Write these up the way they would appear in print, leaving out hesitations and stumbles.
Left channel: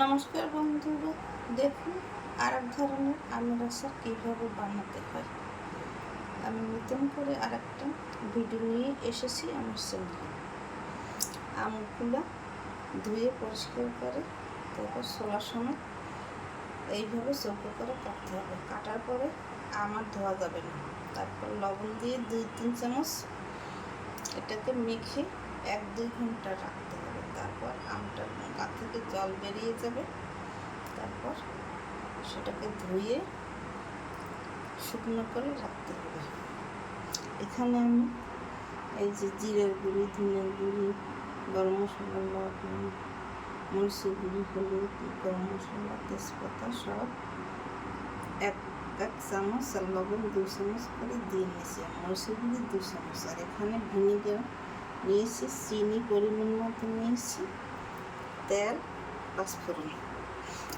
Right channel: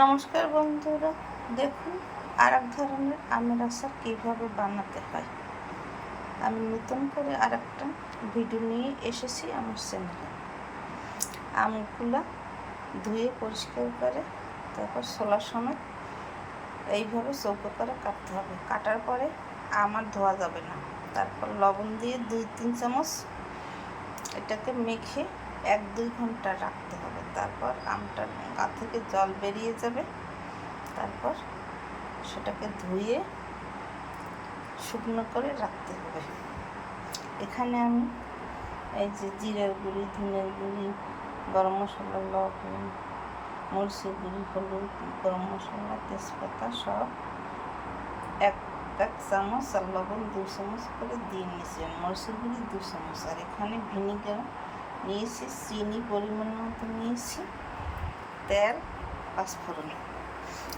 নমস্কার বন্ধুরা, দেখুন আর এক ধরনের আমের আচার কীভাবে বানাতে হয়। আমি নতুন করে আর একটা ভিডিও নিয়ে এসেছি আমার চ্যানেলে। আমগুলো ধুয়ে পরিষ্কার করে তারপর ছোলার সময় এইভাবে চৌকো করে কাটতে হবে। কাটার পরে আর ধোয়া যাবে না। তারপর লবণ দিয়ে 2-3 চামচ এটাকে মেখে 1-2 ঘন্টা রাখতে হবে। তারপর আমটার গা থেকে জল বেরিয়ে যাবে। তারপর সেটাকে ধুয়ে শুকনো করে রাখতে হবে। এখানে আমি এই যে জিরার গুঁড়ি, ধনের গুঁড়ি, গরম মশলা, লবণ, মরিচের গুঁড়ি, হলুদ, গরম মশলা, তেজপাতা সব এক চামচ আর লবণ 2 চামচ করে দিয়ে নিয়েছি। মরিচের গুঁড়ি 2 চামচ। আর এখানে ভিনিগার নিয়েছি, চিনি পরিমাণ মতো নিয়েছি, তেল, পাঁচফোড়ন।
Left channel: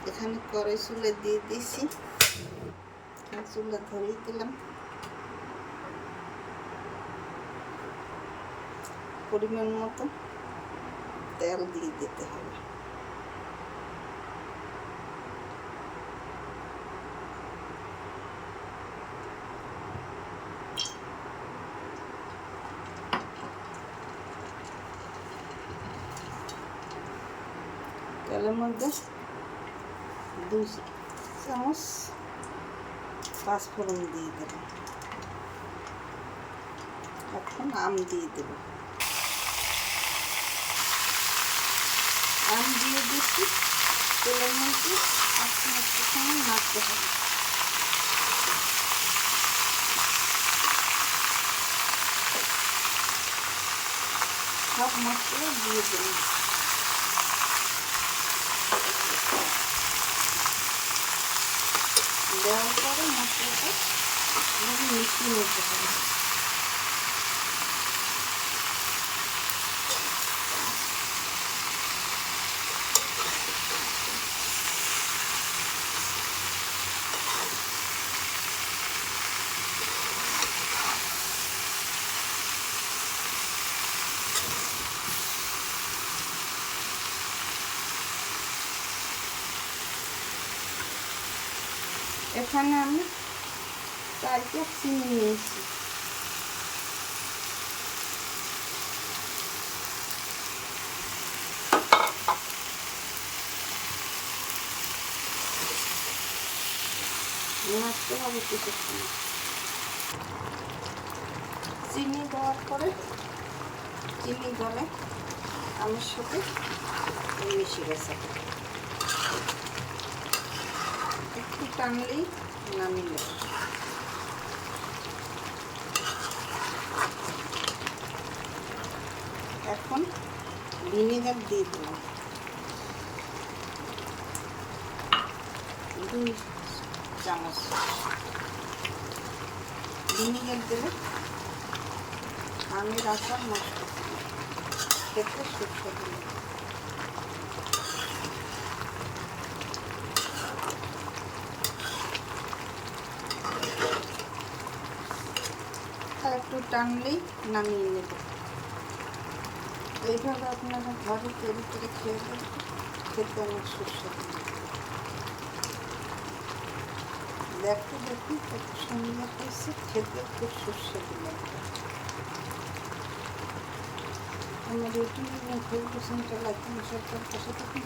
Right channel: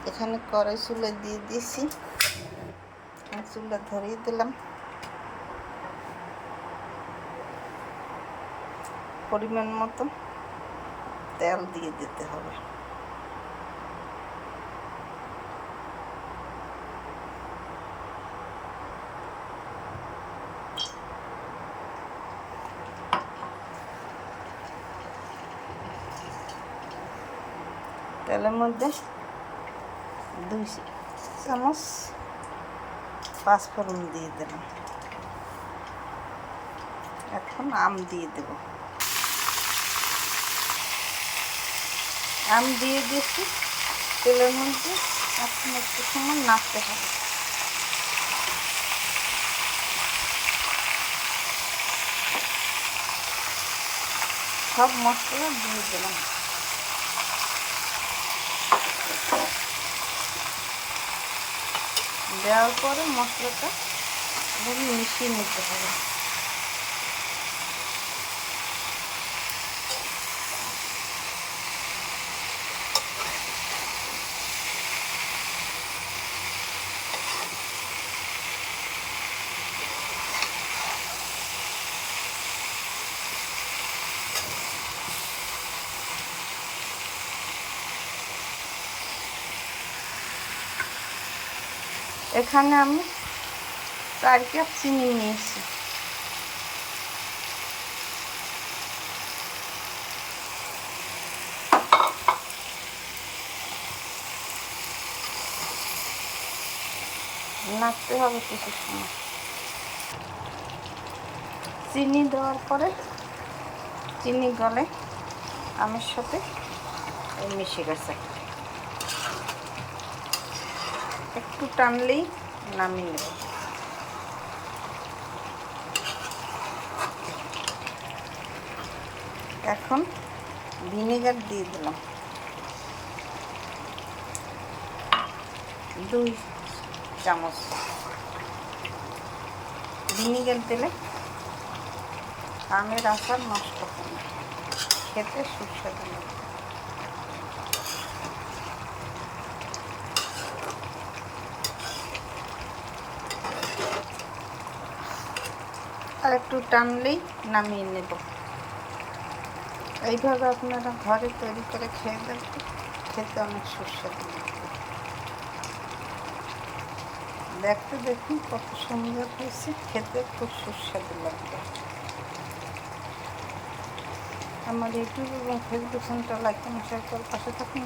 এখানে কড়াই চুলায় দিয়ে দিয়েছি, চুলা ধরিয়ে দিলাম। পরিমাণ মতো তেল দিয়ে দিতে হবে। তেলের মধ্যে 2 চামচ পাঁচফোড়ন দিয়ে দিলাম। এখন আম দিয়ে দেব। আম দিয়ে দিয়েছি তেলের মধ্যে। এখন একটু সময় নাড়তে হবে। সব মশলা দিয়ে দিলাম। দেওয়ার পরে মশলাটা মিশিয়ে নিতে হবে। এখানে আমি 4 কাপ চিনি নিয়েছি। নাড়তে হবে কিছু সময়। চিনি দেওয়ার পরে চিনি গলে আমের সাথে মিশে গেছে। একটু টানলেই নামিয়ে নেব। এখন ভিনেগার দিয়ে দিলাম 2 চামচ। ভিনেগার দিলে আমের আচার নষ্ট হবে না, খেতে সুস্বাদু লাগে। আর একটু টানলেই নামিয়ে নেব। এইভাবে আপনারা ঘরে তৈরি করে খেয়ে দেখবেন, খেতে অনেক সুস্বাদু লাগবে। দেখুন কত সুন্দর হয়েছে, খেতে খুব সুস্বাদু লাগবে। আমার ইউটিউব এবং ফেসবুক চ্যানেলটা লাইক এবং শেয়ার করে পাশে থাকুন।